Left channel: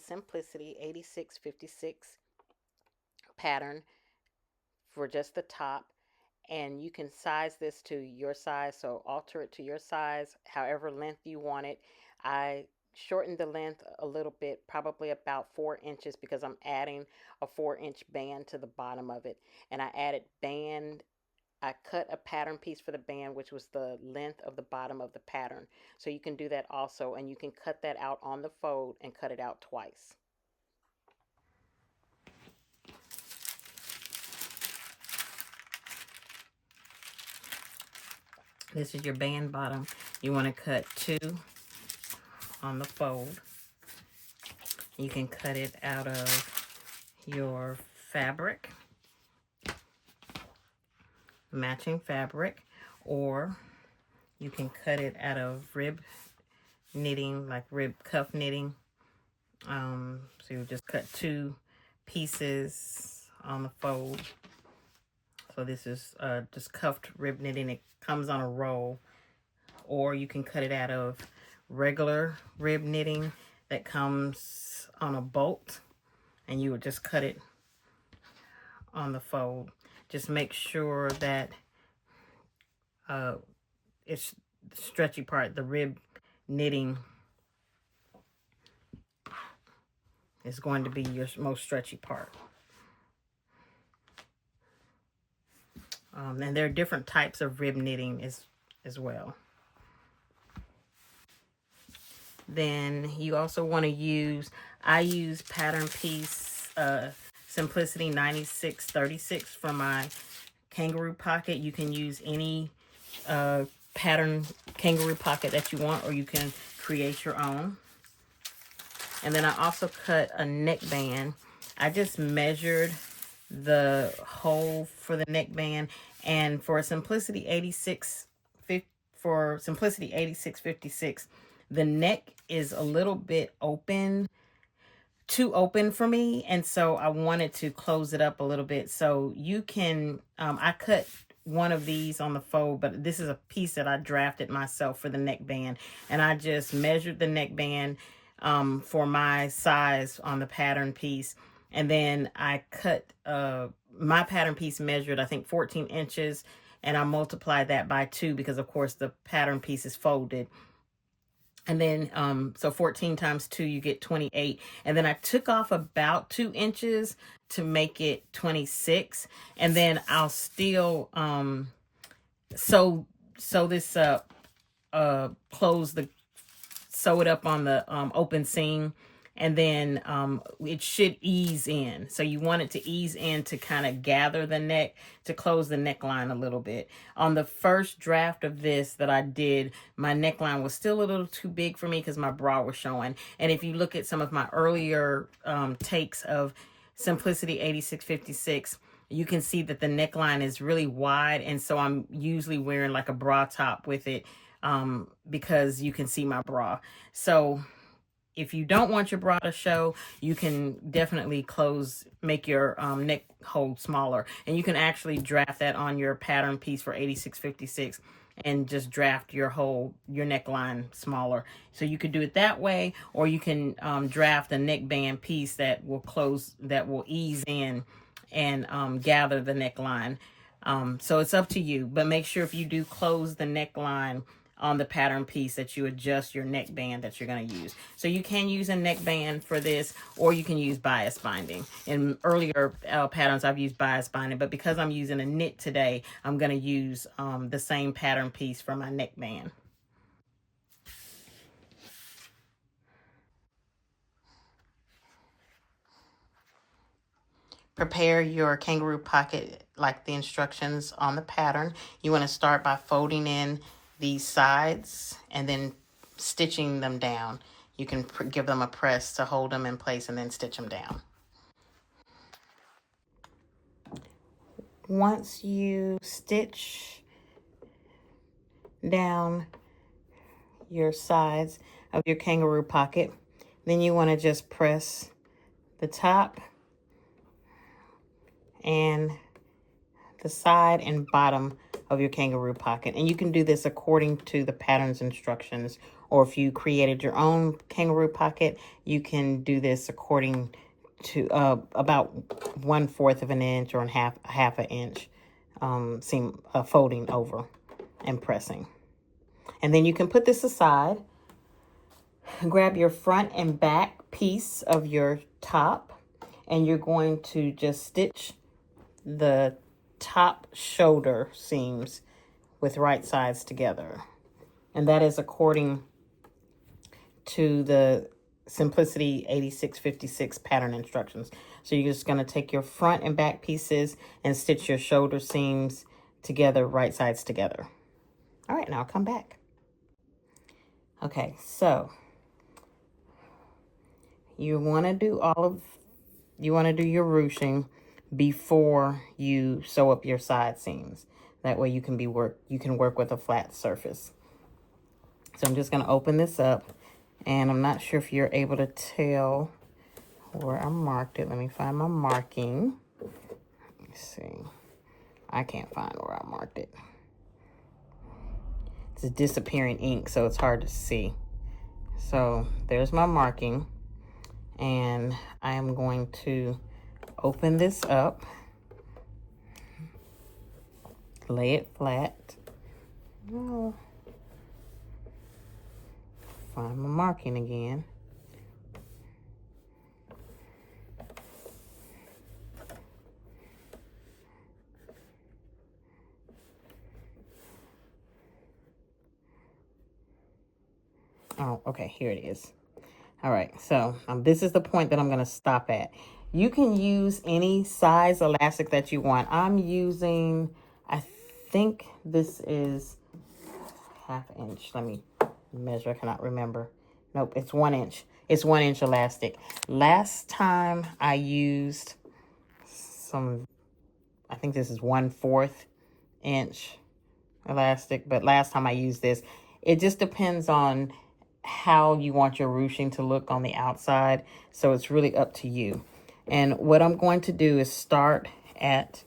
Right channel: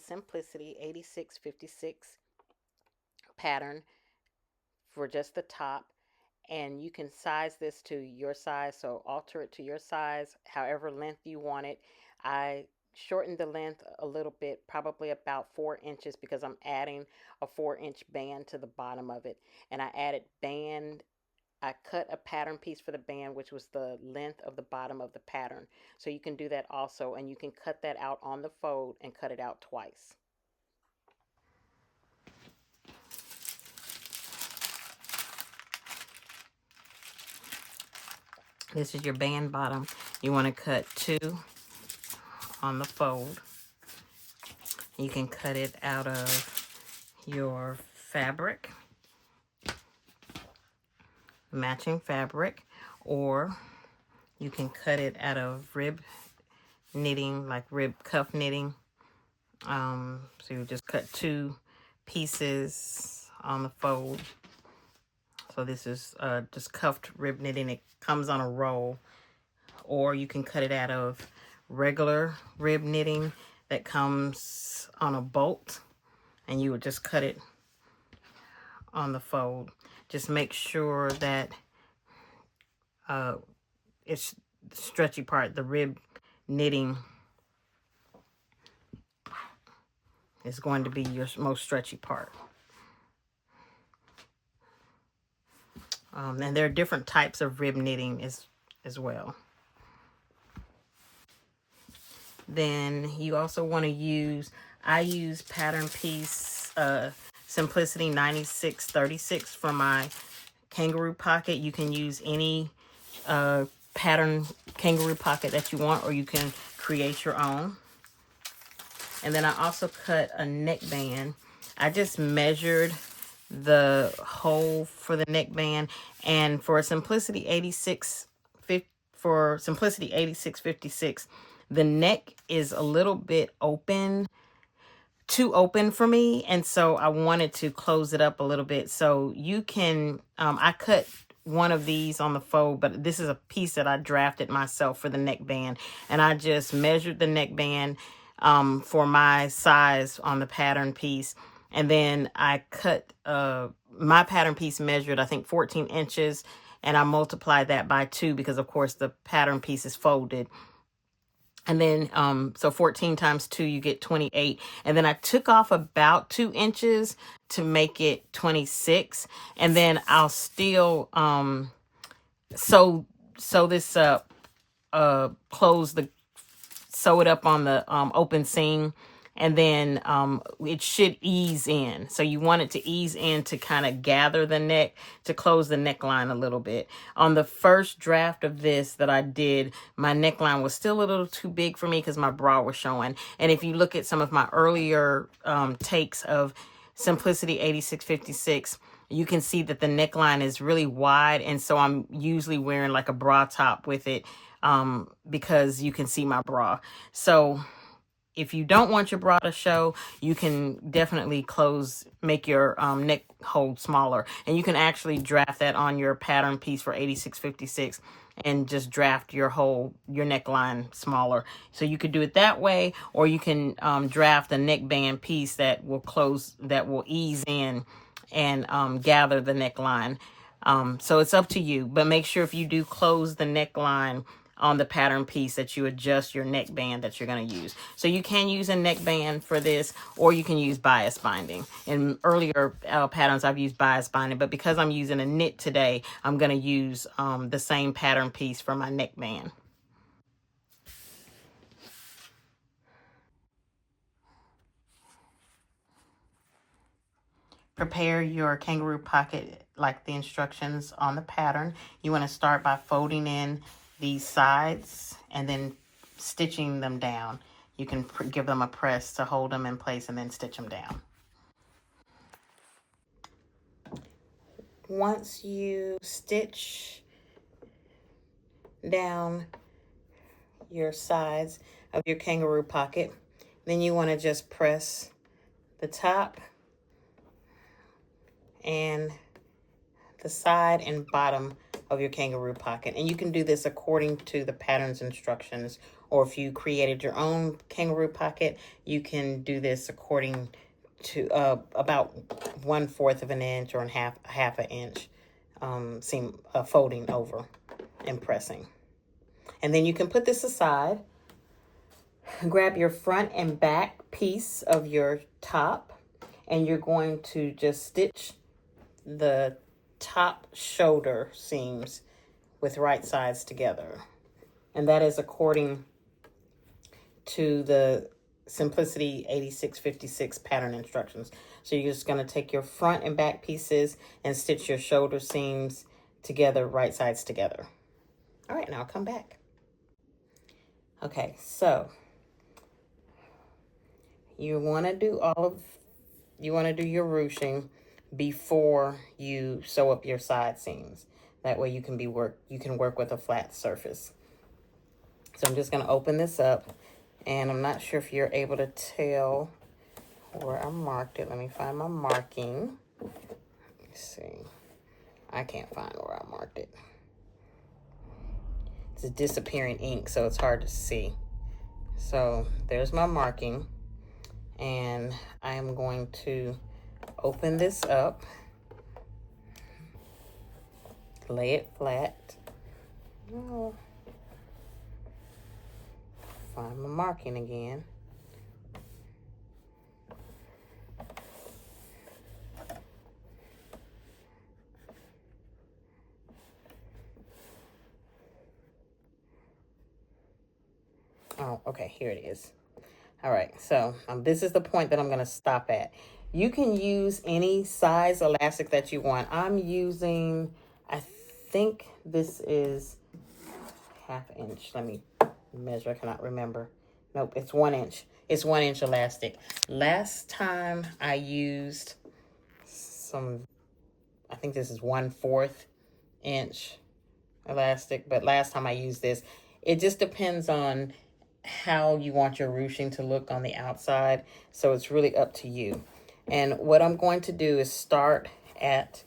the Simplicity 8656 pattern for just the top, and you can size this to your size, so alter it to your size however length you want it. I shortened the length a little bit, probably about 4 inches, because I'm adding a 4 inch band to the bottom of it. And I added band, I cut a pattern piece for the band, which was the length of the bottom of the pattern. So you can do that also, and you can cut that out on the fold and cut it out twice. This is your band bottom. You want to cut 2 on the fold. You can cut it out of your fabric, matching fabric, or you can cut it out of rib knitting, like rib cuff knitting. So you just cut 2 pieces on the fold. So this is just cuffed rib knitting. It comes on a roll. Or you can cut it out of regular rib knitting that comes on a bolt, and you would just cut it on the fold. Just make sure that it's the stretchy part, the rib knitting is going to be your most stretchy part. And there are different types of rib knitting as well. Then you also want to use, I use pattern piece Simplicity 9636 for my kangaroo pocket. You can use any pattern kangaroo pocket that you want, or you can create your own. And then I also cut a neckband. I just measured the hole for the neckband, and for Simplicity 8656, the neck is a little bit open, too open for me, and so I wanted to close it up a little bit. So you can, I cut one of these on the fold, but this is a piece that I drafted myself for the neckband, and I just measured the neckband for my size on the pattern piece. And then I cut, my pattern piece measured, I think, 14 inches, and I multiplied that by 2 because, of course, the pattern piece is folded. And then, so 14 times 2, you get 28. And then I took off about 2 inches to make it 26. And then I'll still sew this up, sew it up on the open seam, and then it should ease in. So you want it to ease in to kind of gather the neck, to close the neckline a little bit. On the first draft of this that I did, my neckline was still a little too big for me because my bra was showing. And if you look at some of my earlier takes of Simplicity 8656, you can see that the neckline is really wide, and so I'm usually wearing like a bra top with it because you can see my bra. So if you don't want your bra to show, you can definitely make your neck hole smaller. And you can actually draft that on your pattern piece for 8656 and just draft your neckline smaller. So you could do it that way, or you can draft a neckband piece that will ease in and gather the neckline. So it's up to you, but make sure if you do close the neckline on the pattern piece that you adjust your neckband that you're going to use. So you can use a neckband for this, or you can use bias binding. In earlier patterns, I've used bias binding, but because I'm using a knit today, I'm going to use the same pattern piece for my neckband. Prepare your kangaroo pocket like the instructions on the pattern. You want to start by folding in these sides and then stitching them down. You can give them a press to hold them in place and then stitch them down. Once you stitch down your sides of your kangaroo pocket, then you want to just press the top and the side and bottom of your kangaroo pocket. And you can do this according to the pattern's instructions, or if you created your own kangaroo pocket, you can do this according to about 1/4 of an inch or half an inch seam folding over and pressing. And then you can put this aside. Grab your front and back piece of your top, and you're going to just stitch the top shoulder seams with right sides together. And that is according to the Simplicity 8656 pattern instructions. So you're just going to take your front and back pieces and stitch your shoulder seams together, right sides together. All right, now I'll come back. Okay, so you want to do your ruching before you sew up your side seams. That way you can work with a flat surface. So I'm just going to open this up, and I'm not sure if you're able to tell where I marked it. Let me find my marking. Let's see. I can't find where I marked it. It's a disappearing ink, so it's hard to see. So there's my marking, and I am going to open this up, lay it flat. Find my marking again. Oh, okay, here it is. All right, so this is the point that I'm going to stop at. You can use any size elastic that you want. I'm using, I think this is 1/2 inch. Let me measure, I cannot remember. Nope, it's 1 inch. It's 1 inch elastic. Last time I used I think this is 1/4 inch elastic, but last time I used this. It just depends on how you want your ruching to look on the outside, so it's really up to you. And what I'm going to do is start at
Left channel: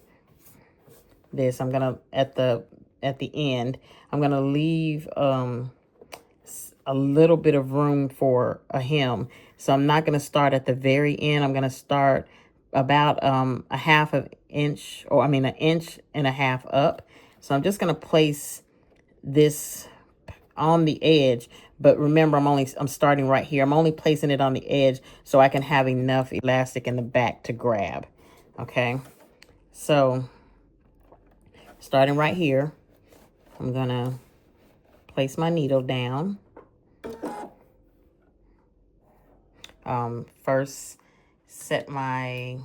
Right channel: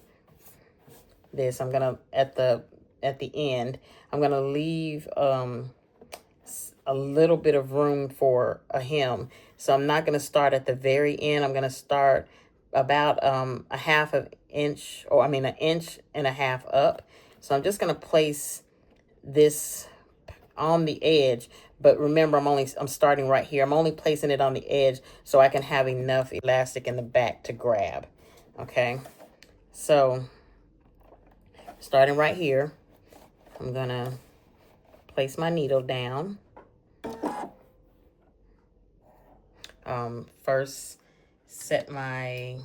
this. I'm gonna at the end, I'm gonna leave a little bit of room for a hem, so I'm not gonna start at the very end. I'm gonna start about a 1/2 inch, or an 1.5 inches up. So I'm just gonna place this on the edge, but remember I'm starting right here. I'm only placing it on the edge so I can have enough elastic in the back to grab. Okay, so starting right here, I'm gonna place my needle down. First set my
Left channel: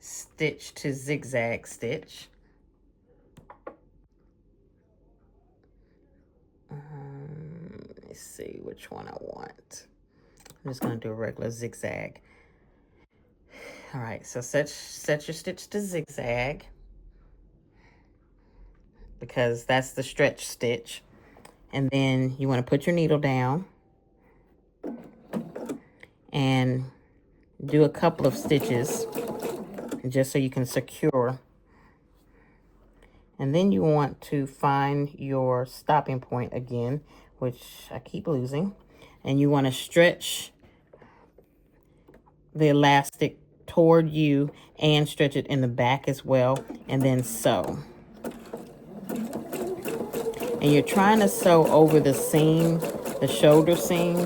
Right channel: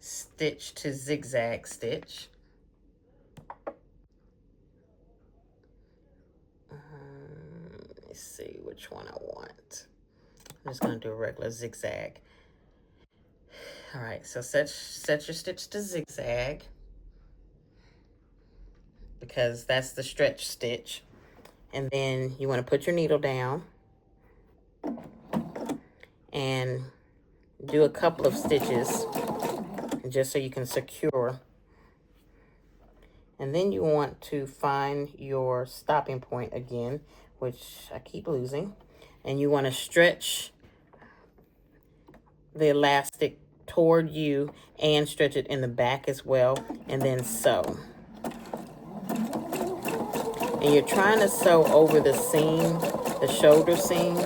stitch to zigzag stitch. Let's see which one I want. I'm just gonna do a regular zigzag. All right, so set your stitch to zigzag, because that's the stretch stitch. And then you want to put your needle down and do a couple of stitches just so you can secure. And then you want to find your stopping point again, which I keep losing. And you want to stretch the elastic toward you and stretch it in the back as well, and then sew. And you're trying to sew over the seam, the shoulder seam,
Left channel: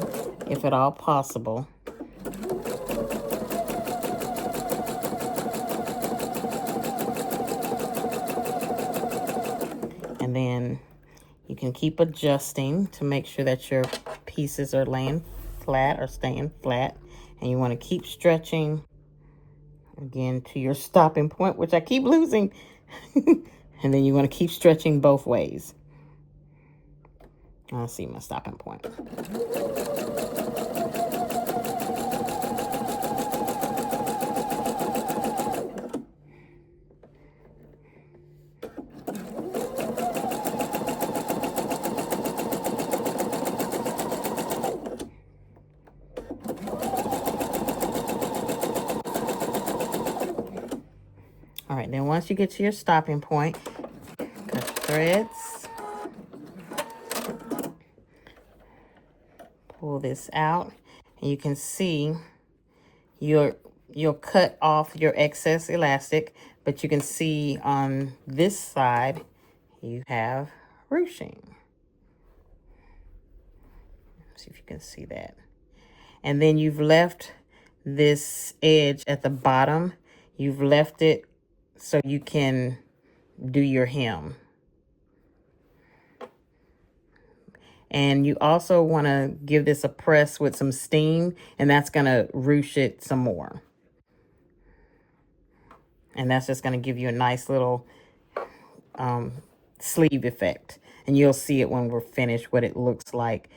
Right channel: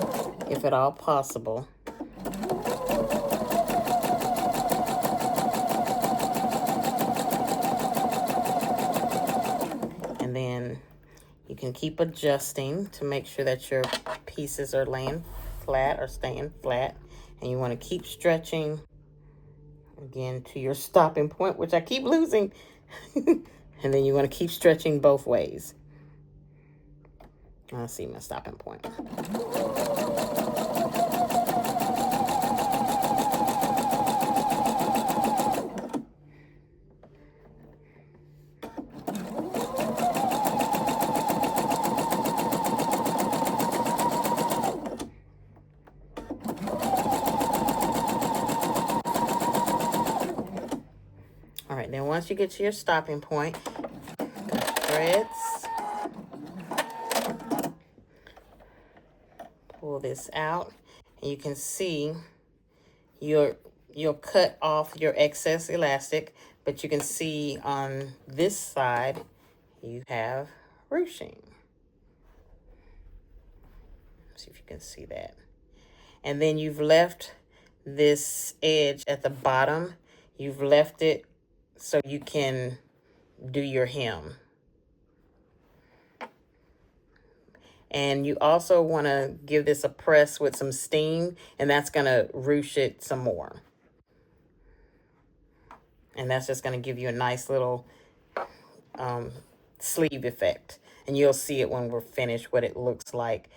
if at all possible. And then you can keep adjusting to make sure that your pieces are laying flat or staying flat. And you want to keep stretching again to your stopping point, which I keep losing. And then you want to keep stretching both ways. I see my stopping point. All right, then once you get to your stopping point, cut threads. this out. And you can see you'll cut off your excess elastic, but you can see on this side you have ruching. See if you can see that. And then you've left this edge at the bottom. You've left it so you can do your hem. And you also want to give this a press with some steam, and that's going to ruche it some more. And that's just going to give you a nice little sleeve effect. And you'll see it when we're finished, what it looks like.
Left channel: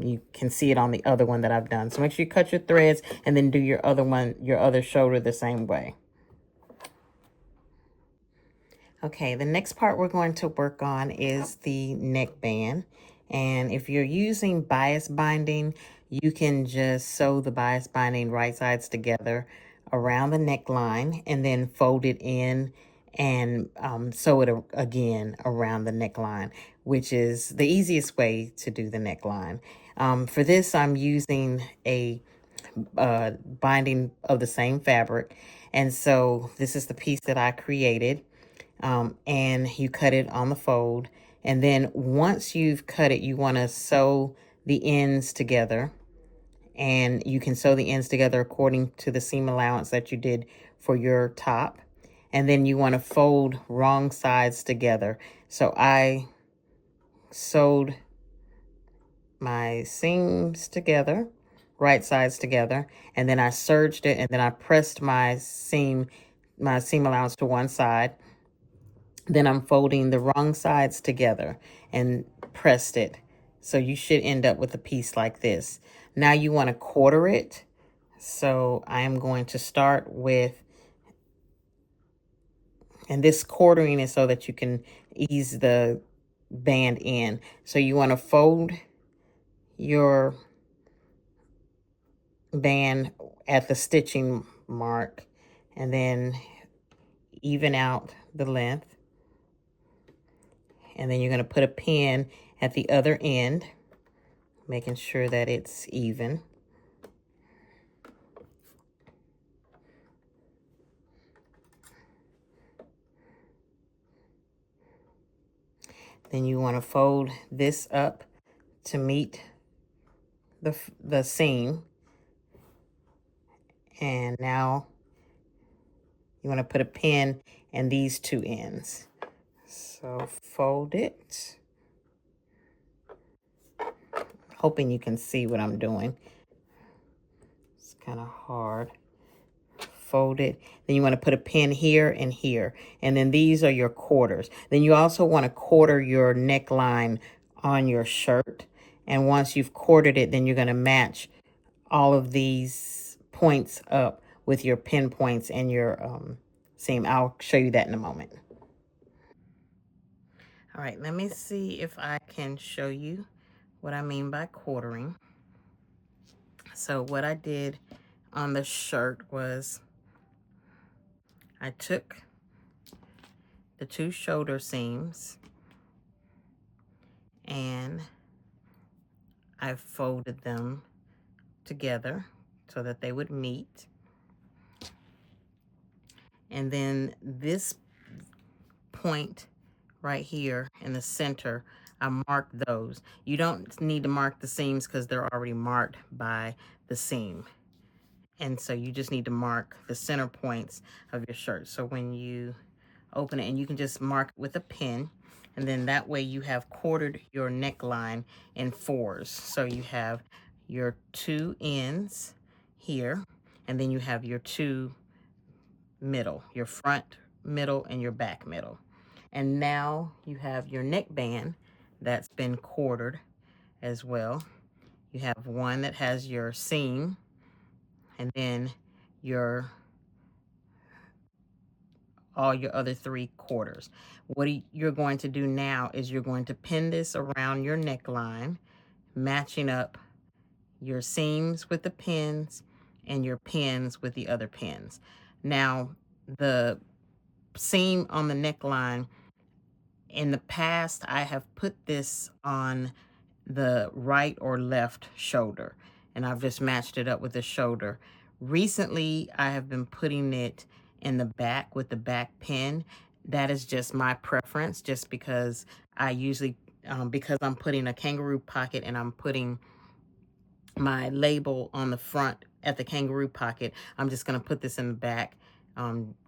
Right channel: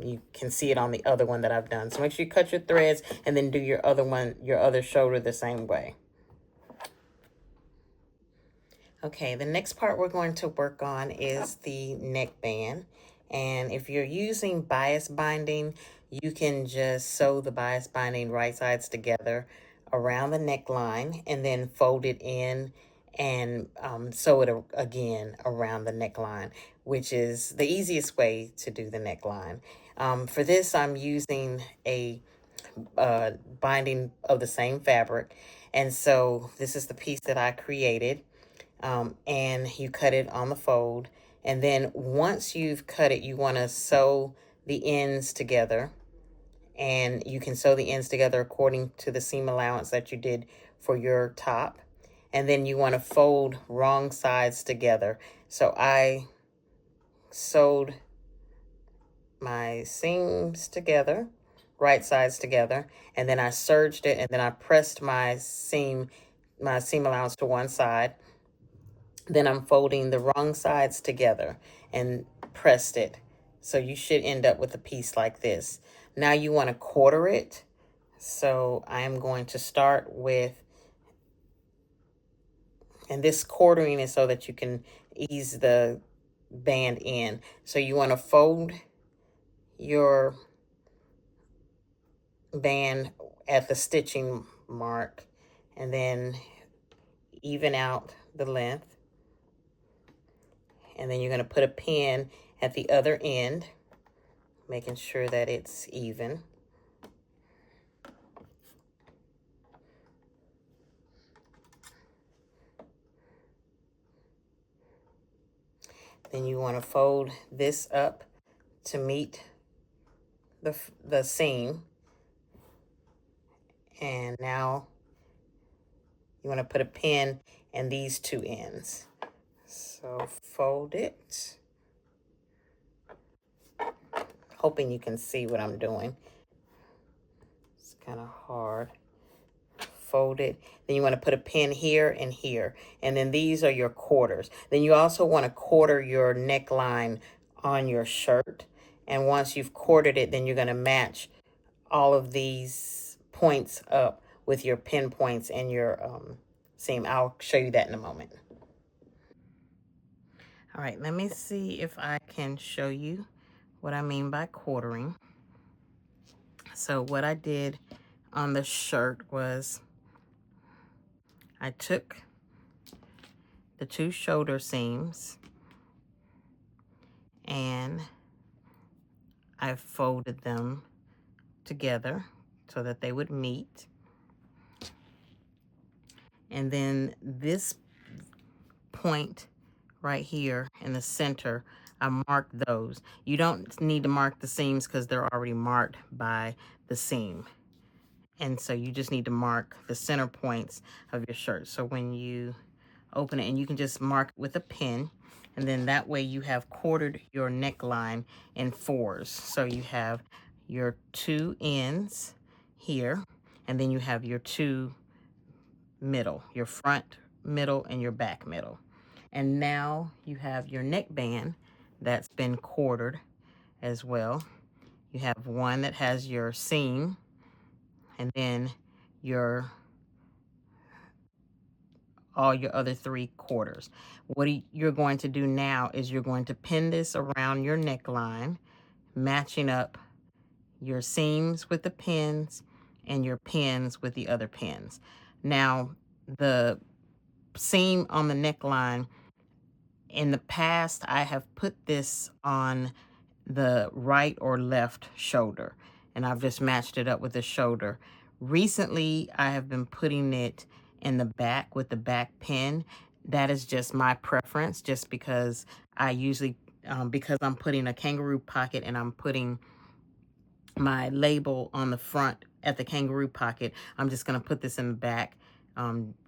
You can see it on the other one that I've done. So make sure you cut your threads and then do your other one, your other shoulder the same way. Okay, the next part we're going to work on is the neckband. And if you're using bias binding, you can just sew the bias binding right sides together around the neckline and then fold it in and sew it again around the neckline, which is the easiest way to do the neckline. For this, I'm using a binding of the same fabric. And so this is the piece that I created. And you cut it on the fold. And then once you've cut it, you want to sew the ends together. And you can sew the ends together according to the seam allowance that you did for your top. And then you want to fold wrong sides together. So I sewed my seams together, right sides together, and then I serged it, and then I pressed my seam allowance to one side. Then I'm folding the wrong sides together and pressed it. So you should end up with a piece like this. Now you want to quarter it. So I'm going to start with, and this quartering is so that you can ease the band in. So you want to fold your band at the stitching mark and then even out the length. And then you're going to put a pin at the other end, making sure that it's even. Then you want to fold this up to meet the seam. And now you want to put a pin in these two ends. So fold it. Hoping you can see what I'm doing. It's kind of hard. Fold it. Then you want to put a pin here and here. And then these are your quarters. Then you also want to quarter your neckline on your shirt. And once you've quartered it, then you're going to match all of these points up with your pin points and your seam. I'll show you that in a moment. All right, let me see if I can show you what I mean by quartering. So what I did on the shirt was I took the two shoulder seams and I folded them together so that they would meet. And then this point right here in the center, I marked those. You don't need to mark the seams because they're already marked by the seam. And so you just need to mark the center points of your shirt. So when you open it, and you can just mark it with a pin, and then that way you have quartered your neckline in fours. So you have your two ends here, and then you have your two middle, your front middle and your back middle. And now you have your neckband that's been quartered as well. You have one that has your seam and then all your other three quarters. What you're going to do now is you're going to pin this around your neckline, matching up your seams with the pins and your pins with the other pins. Now, the seam on the neckline, in the past, I have put this on the right or left shoulder. And I've just matched it up with the shoulder. Recently, I have been putting it in the back with the back pin. That is just my preference, just because I usually, because I'm putting a kangaroo pocket and I'm putting my label on the front at the kangaroo pocket, I'm just going to put this in the back,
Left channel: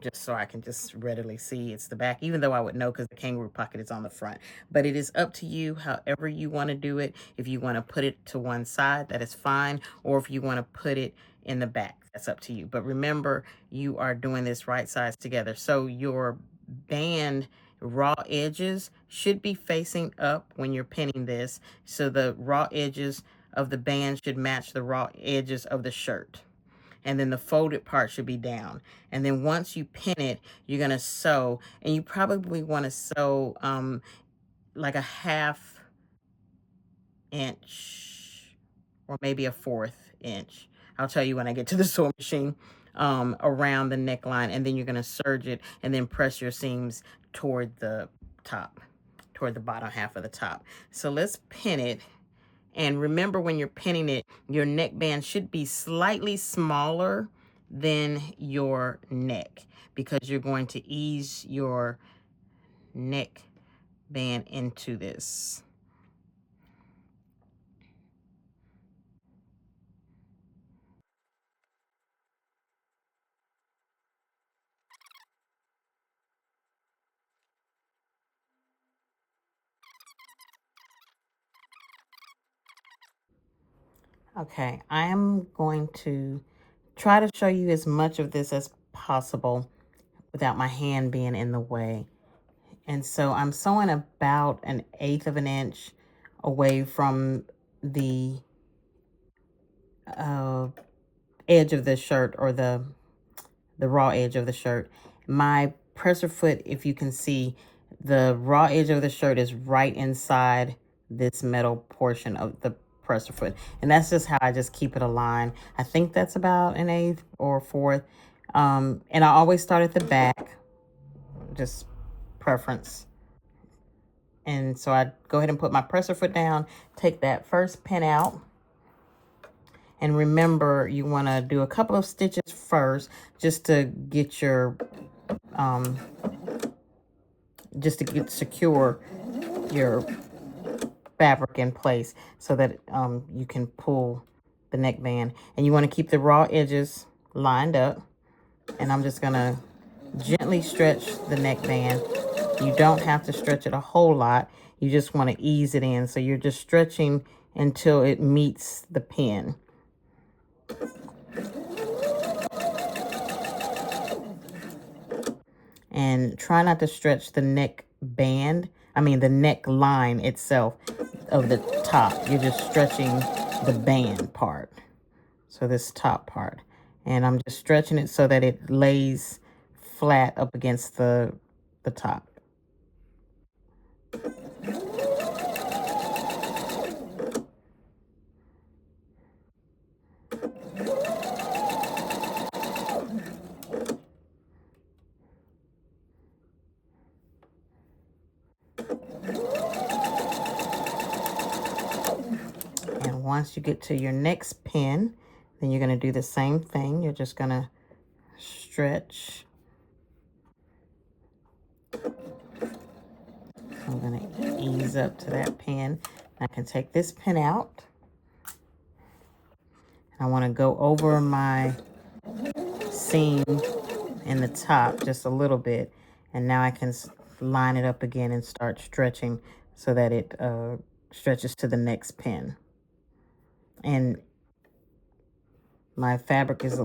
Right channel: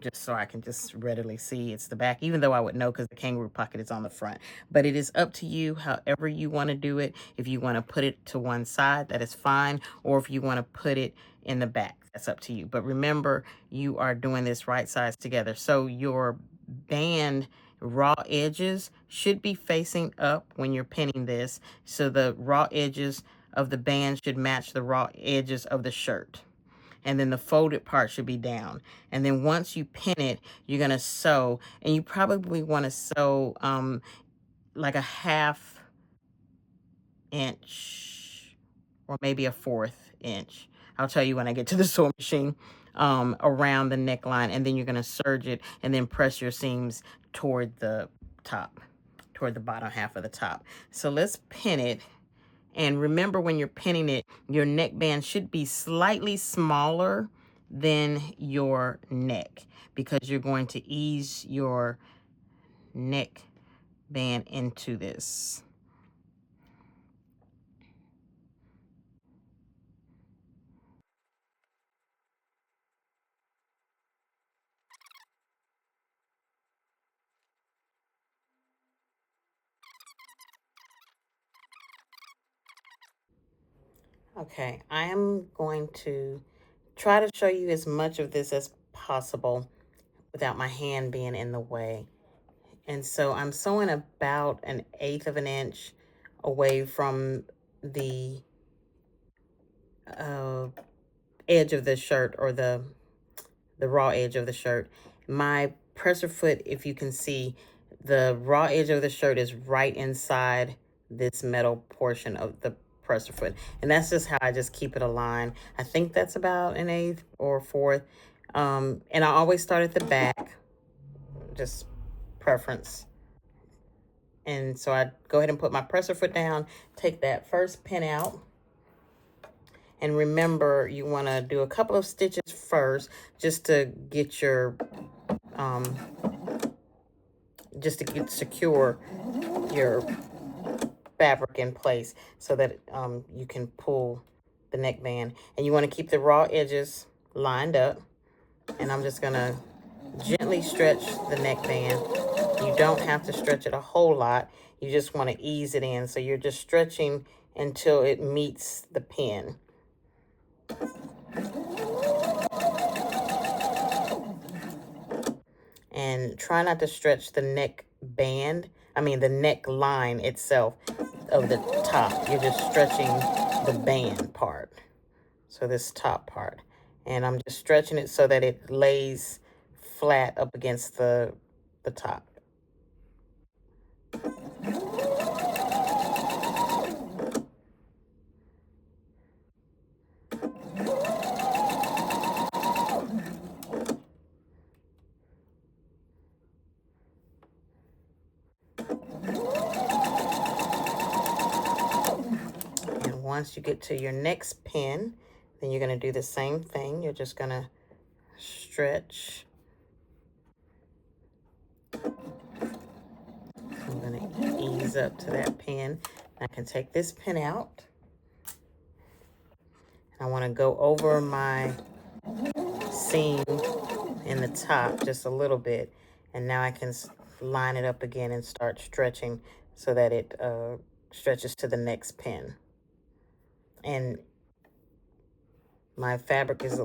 just so I can just readily see it's the back, even though I would know because the kangaroo pocket is on the front. But it is up to you however you want to do it. If you want to put it to one side, that is fine. Or if you want to put it in the back, that's up to you. But remember, you are doing this right sides together. So your band raw edges should be facing up when you're pinning this. So the raw edges of the band should match the raw edges of the shirt. And then the folded part should be down. And then once you pin it, you're going to sew. And you probably want to sew like a 1/2 inch or maybe a 1/4 inch. I'll tell you when I get to the sewing machine, around the neckline. And then you're going to serge it and then press your seams toward the top, toward the bottom half of the top. So let's pin it. And remember, when you're pinning it, your neckband should be slightly smaller than your neck, because you're going to ease your neck band into this. Okay, I am going to try to show you as much of this as possible without my hand being in the way. And so I'm sewing about 1/8 of an inch away from the edge of the shirt, or the raw edge of the shirt. My presser foot, if you can see, the raw edge of the shirt is right inside this metal portion of the presser foot. And that's just how I just keep it aligned. I think that's about 1/8 or 1/4. And I always start at the back, just preference. And so I go ahead and put my presser foot down, take that first pin out. And remember, you want to do a couple of stitches first, just to get your, just to get secure your fabric in place, so that you can pull the neckband. And you want to keep the raw edges lined up. And I'm just going to gently stretch the neckband. You don't have to stretch it a whole lot. You just want to ease it in. So you're just stretching until it meets the pin. And try not to stretch the neck band, the neckline itself of the top. You're just stretching the band part, so this top part. And I'm just stretching it so that it lays flat up against the top. And once you get to your next pin, then you're going to do the same thing. You're just going to stretch. I'm going to ease up to that pin. I can take this pin out. I want to go over my seam in the top just a little bit. And now I can line it up again and start stretching so that it stretches to the next pin. And my fabric is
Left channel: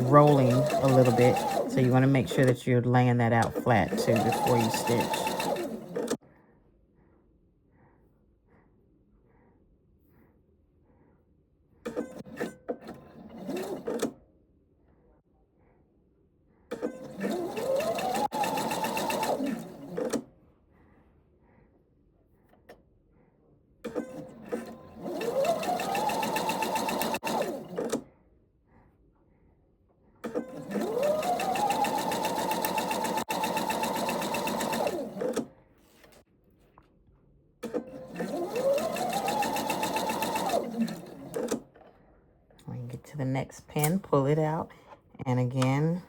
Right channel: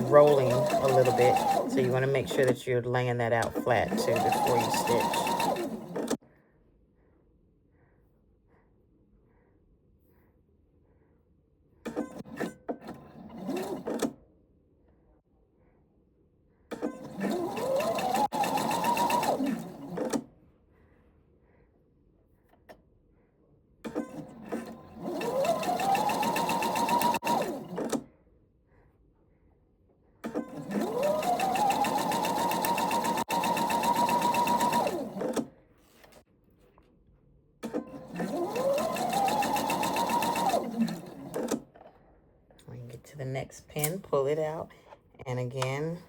rolling a little bit, so you want to make sure that you're laying that out flat too before you stitch. next pin, pull it out, and again,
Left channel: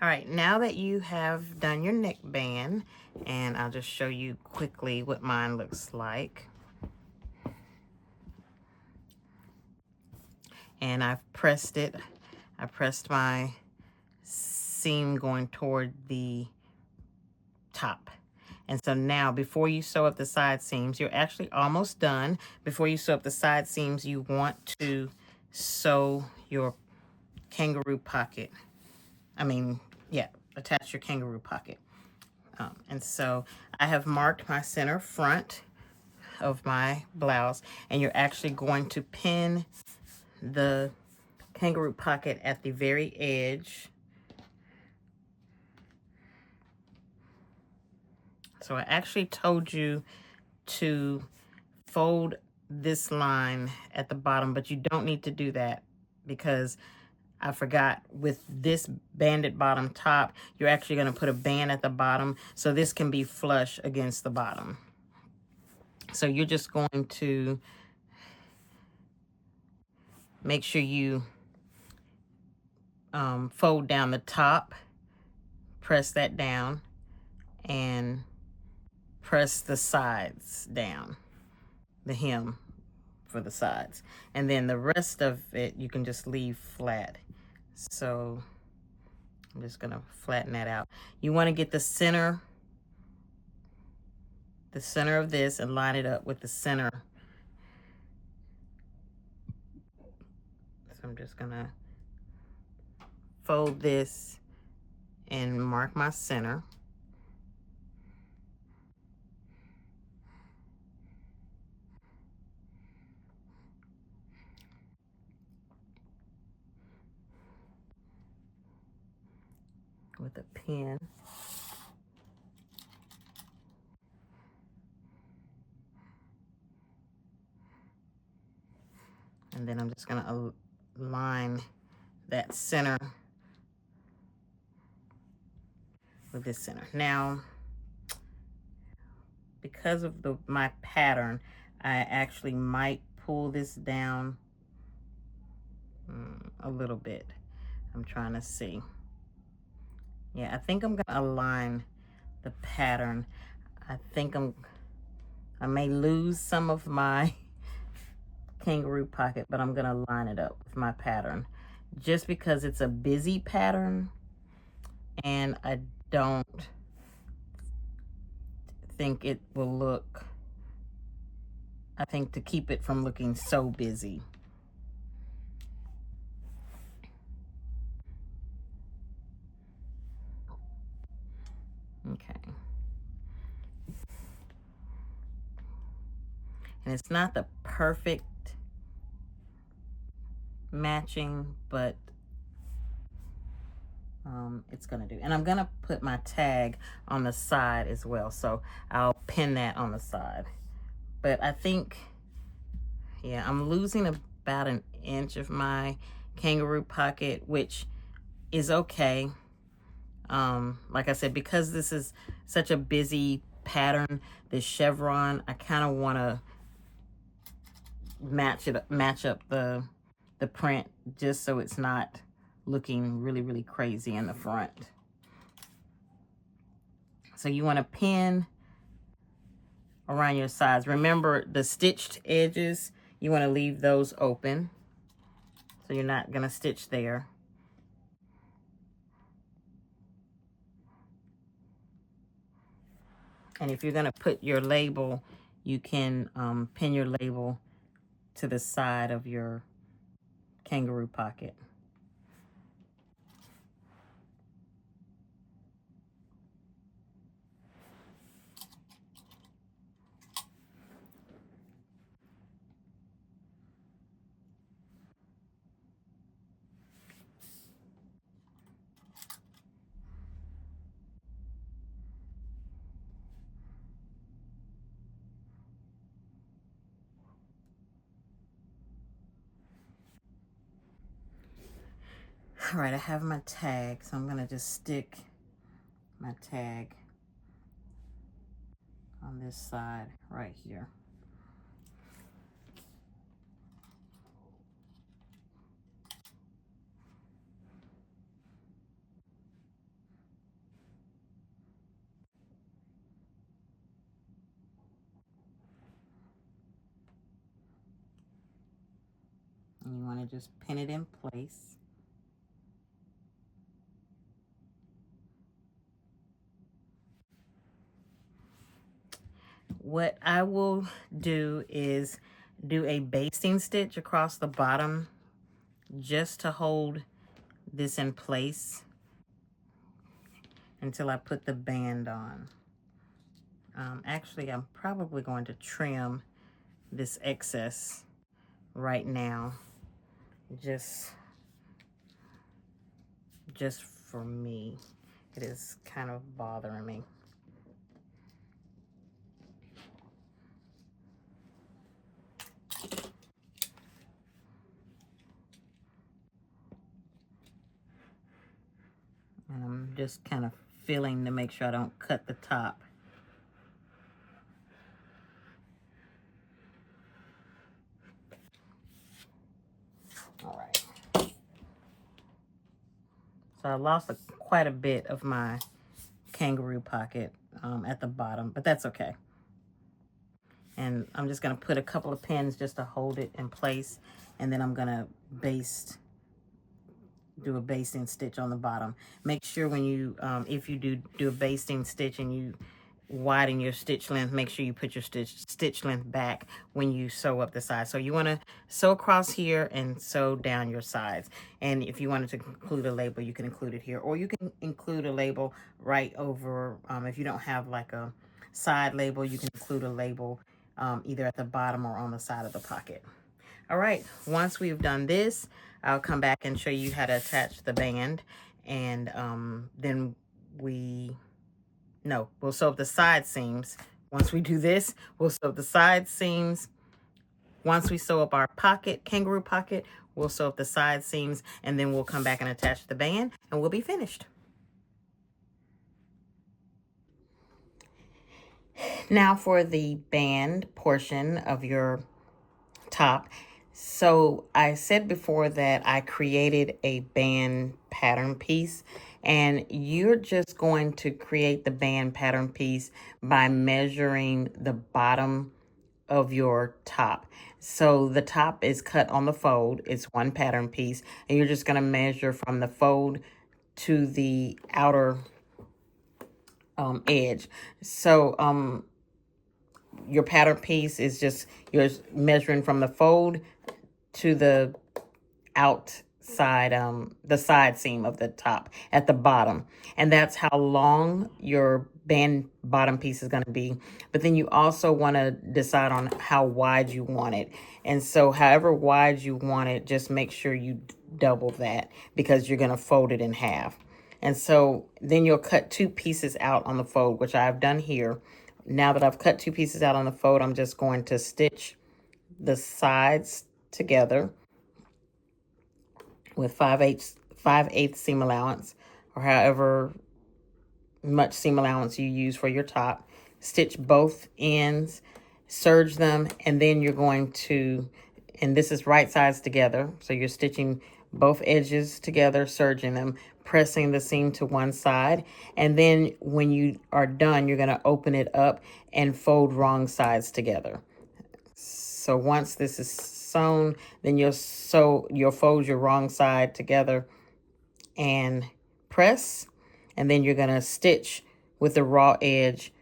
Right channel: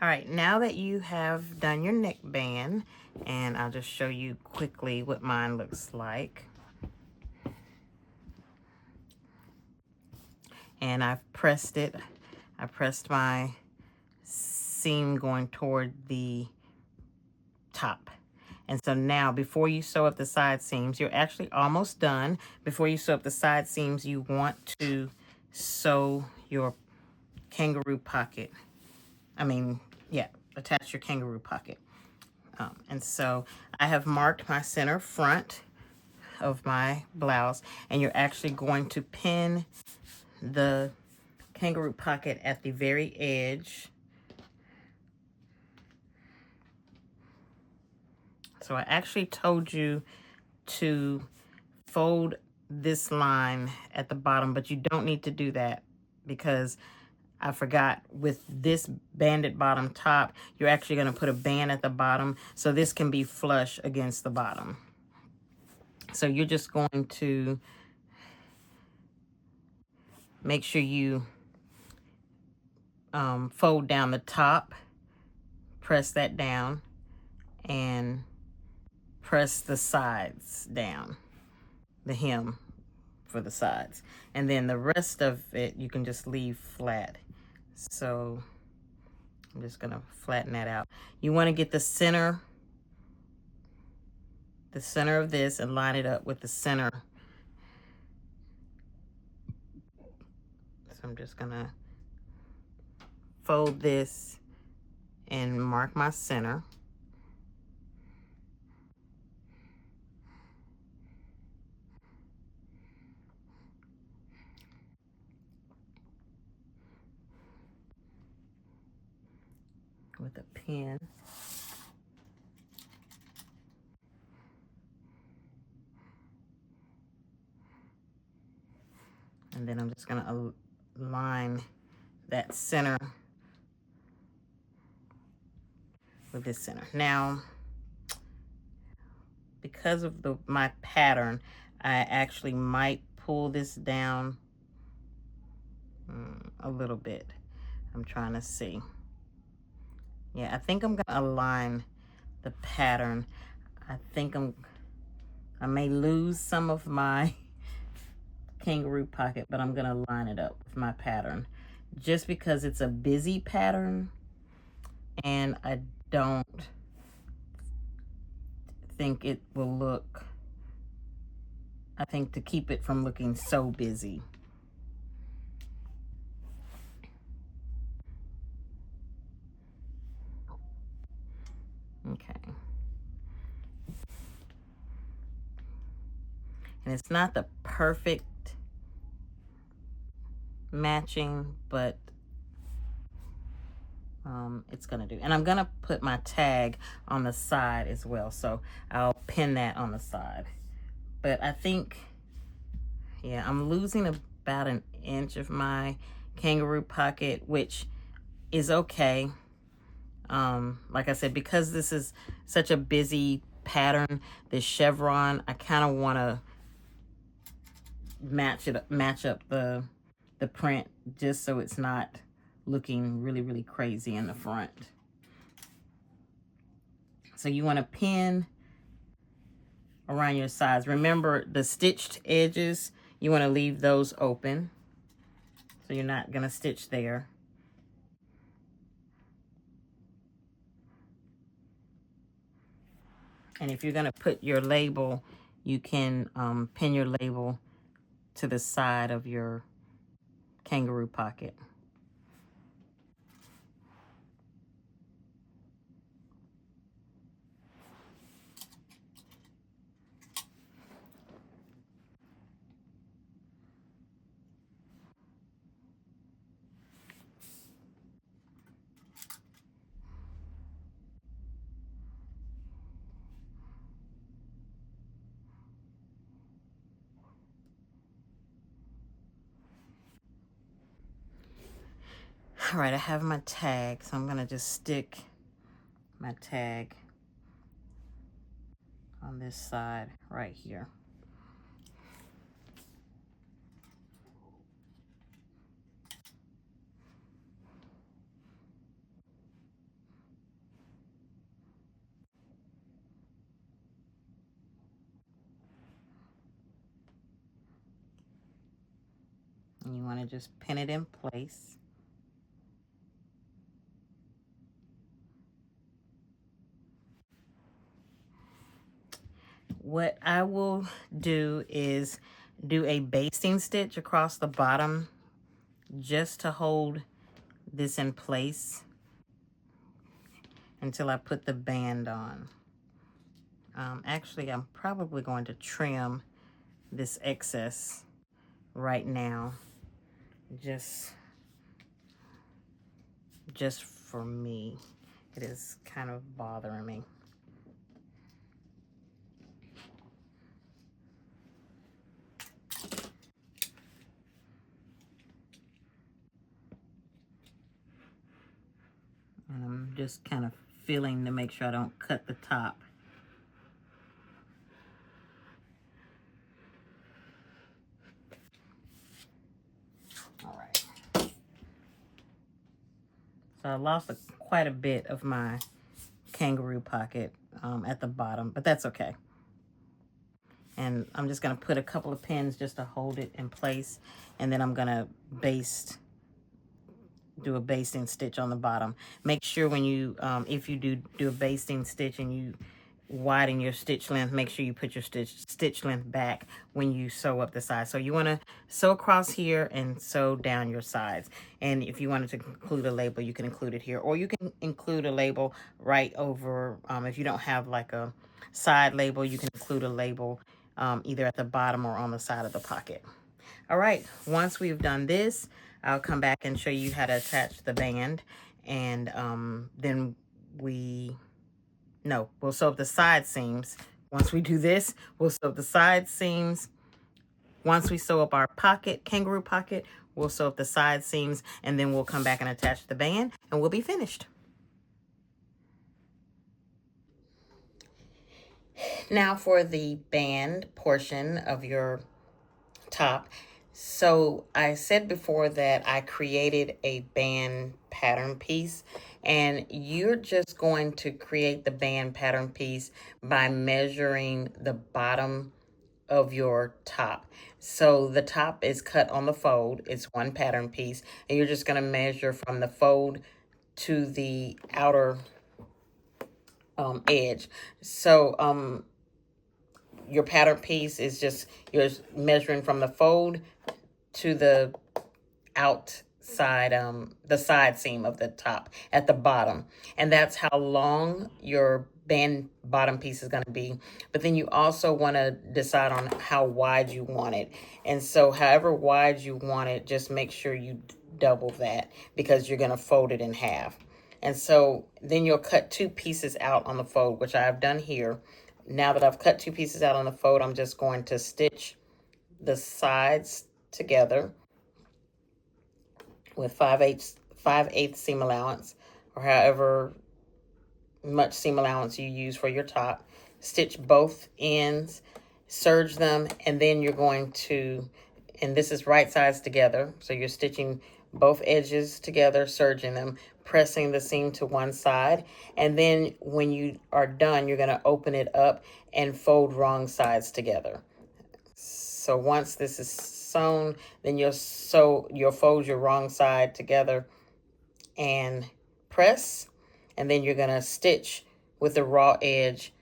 all right, now that you have done your neckband, and I'll just show you quickly what mine looks like. And I've pressed it. I pressed my seam going toward the top. And so now, before you sew up the side seams, you're actually almost done. Before you sew up the side seams, you want to sew your kangaroo pocket. Attach your kangaroo pocket. And so I have marked my center front of my blouse, and you're actually going to pin the kangaroo pocket at the very edge. So I actually told you to fold this line at the bottom, but you don't need to do that because I forgot, with this banded bottom top, you're actually going to put a band at the bottom, so this can be flush against the bottom. So you're just going to make sure you fold down the top, press that down, and press the sides down, the hem for the sides. And then the rest of it, you can just leave flat. So I'm just gonna flatten that out. You wanna get the center of this and line it up with the center. So I'm just gonna fold this and mark my center. With a pin. And then I'm just gonna align that center with this center. Now, because of my pattern, I actually might pull this down a little bit. I'm trying to see. Yeah, I think I'm gonna align the pattern. I think I may lose some of my kangaroo pocket, but I'm gonna line it up with my pattern just because it's a busy pattern, and I don't think it will look, I think to keep it from looking so busy. Okay. And it's not the perfect matching, but it's gonna do. And I'm gonna put my tag on the side as well, so I'll pin that on the side. But I think, yeah, I'm losing about an inch of my kangaroo pocket, which is okay. Like I said, because this is such a busy pattern, this chevron, I kind of want to match up the print, just so it's not looking really, really crazy in the front. So you want to pin around your sides. Remember, the stitched edges, you want to leave those open, so you're not going to stitch there. And if you're going to put your label, you can pin your label to the side of your kangaroo pocket. All right, I have my tag, so I'm going to just stick my tag on this side right here. And you want to just pin it in place. What I will do is do a basting stitch across the bottom just to hold this in place until I put the band on. Actually, I'm probably going to trim this excess right now, just for me. It is kind of bothering me. And I'm just kind of feeling to make sure I don't cut the top. All right. So I lost quite a bit of my kangaroo pocket at the bottom, but that's okay. And I'm just going to put a couple of pins just to hold it in place, and then I'm going to do a basting stitch on the bottom. Make sure when you, if you do a basting stitch and you widen your stitch length, make sure you put your stitch length back when you sew up the sides. So you want to sew across here and sew down your sides. And if you wanted to include a label, you can include it here, or you can include a label right over, if you don't have like a side label, you can include a label either at the bottom or on the side of the pocket. All right, once we've done this, I'll come back and show you how to attach the band, and then we'll sew up the side seams. Once we do this, we'll sew up the side seams. Once we sew up our pocket, kangaroo pocket, we'll sew up the side seams, and then we'll come back and attach the band, and we'll be finished. Now for the band portion of your top. So I said before that I created a band pattern piece, and you're just going to create the band pattern piece by measuring the bottom of your top. So the top is cut on the fold. It's one pattern piece, and you're just going to measure from the fold to the outer edge. So your pattern piece is just, you're measuring from the fold to the outside, the side seam of the top at the bottom. And that's how long your band bottom piece is going to be. But then you also want to decide on how wide you want it. And so however wide you want it, just make sure you double that, because you're going to fold it in half. And so then you'll cut two pieces out on the fold, which I've done here. Now that I've cut two pieces out on the fold, I'm just going to stitch the sides together with 5/8 seam allowance, or however much seam allowance you use for your top. Stitch both ends, serge them, and then you're going to And this is right sides together. So you're stitching both edges together, serging them, pressing the seam to one side. And then when you are done, you're gonna open it up and fold wrong sides together. So once this is sewn, then you'll fold your wrong side together and press, and then you're gonna stitch with the raw edge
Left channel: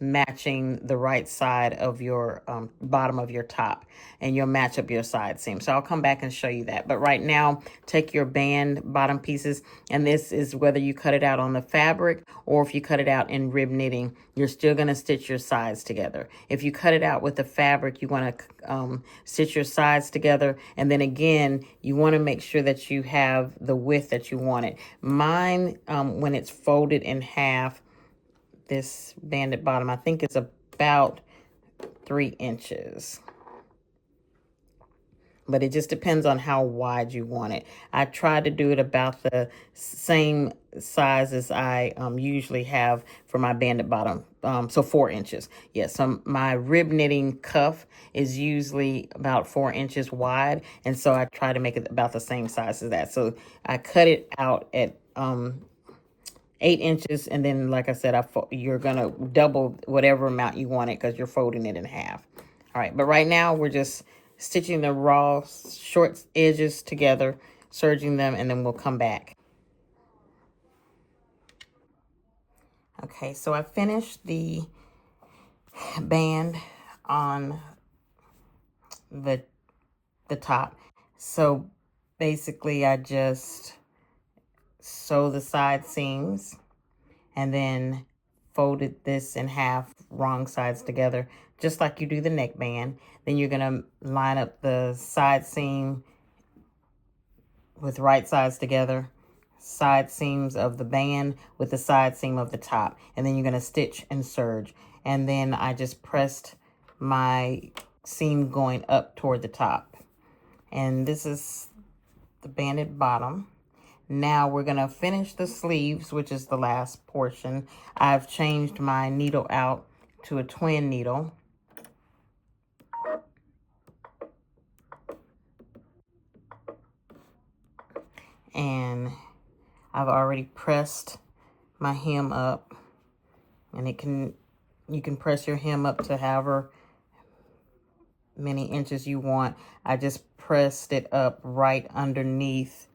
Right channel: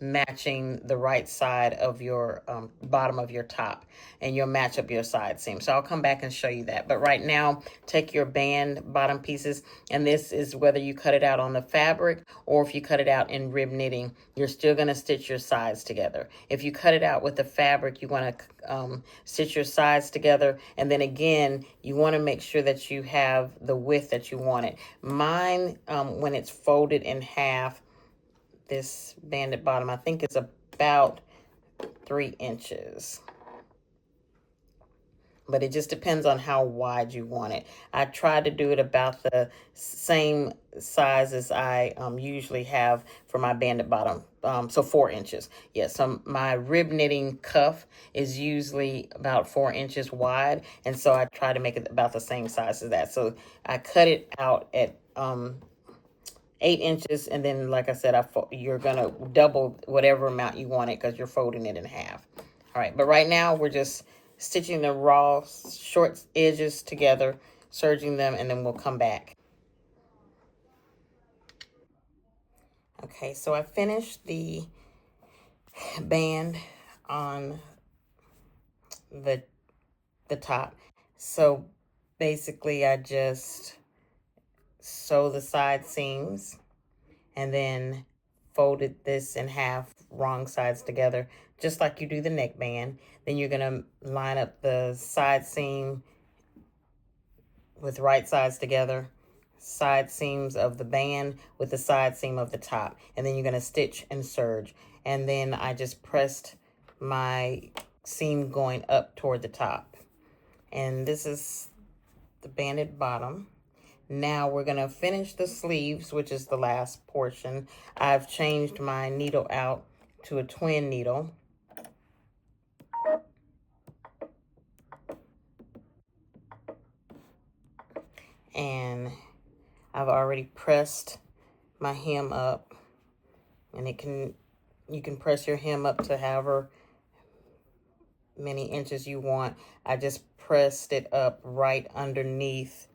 matching the right side of your bottom of your top, and you'll match up your side seam. So I'll come back and show you that. But right now, take your band bottom pieces, and this is whether you cut it out on the fabric or if you cut it out in rib knitting, you're still gonna stitch your sides together. If you cut it out with the fabric, you wanna stitch your sides together, and then again, you wanna make sure that you have the width that you want it. Mine, when it's folded in half, this banded bottom, I think it's about 3 inches. But it just depends on how wide you want it. I try to do it about the same size as I usually have for my banded bottom. So 4 inches. Yes, my rib knitting cuff is usually about 4 inches wide. And so I try to make it about the same size as that. So I cut it out at 8 inches, and then like I said, you're gonna double whatever amount you want it because you're folding it in half. All right, but right now we're just stitching the raw short edges together, serging them, and then we'll come back. Okay, so I finished the band on the top. So basically I just sew the side seams and then folded this in half, wrong sides together, just like you do the neckband. Then you're gonna line up the side seam with right sides together, side seams of the band with the side seam of the top, and then you're gonna stitch and serge. And then I just pressed my seam going up toward the top. And this is the banded bottom. Now we're gonna finish the sleeves, which is the last portion. I've changed my needle out to a twin needle. And I've already pressed my hem up, and you can press your hem up to however many inches you want. I just pressed it up right underneath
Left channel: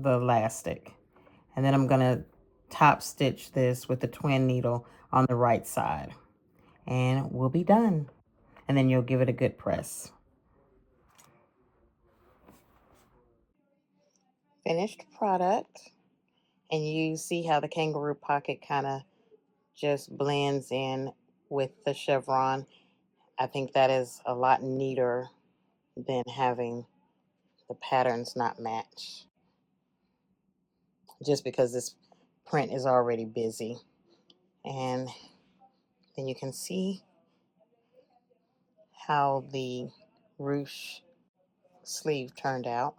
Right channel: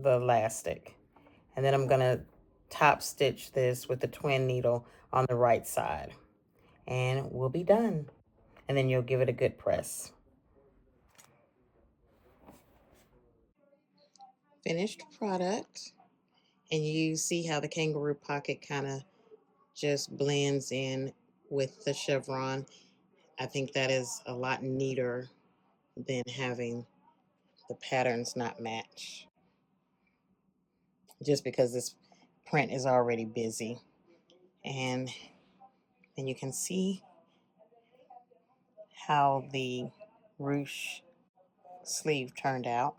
the elastic. And then I'm gonna top stitch this with the twin needle on the right side. And we'll be done. And then you'll give it a good press. Finished product. And you see how the kangaroo pocket kind of just blends in with the chevron. I think that is a lot neater than having the patterns not match, just because this print is already busy. And then you can see how the ruche sleeve turned out.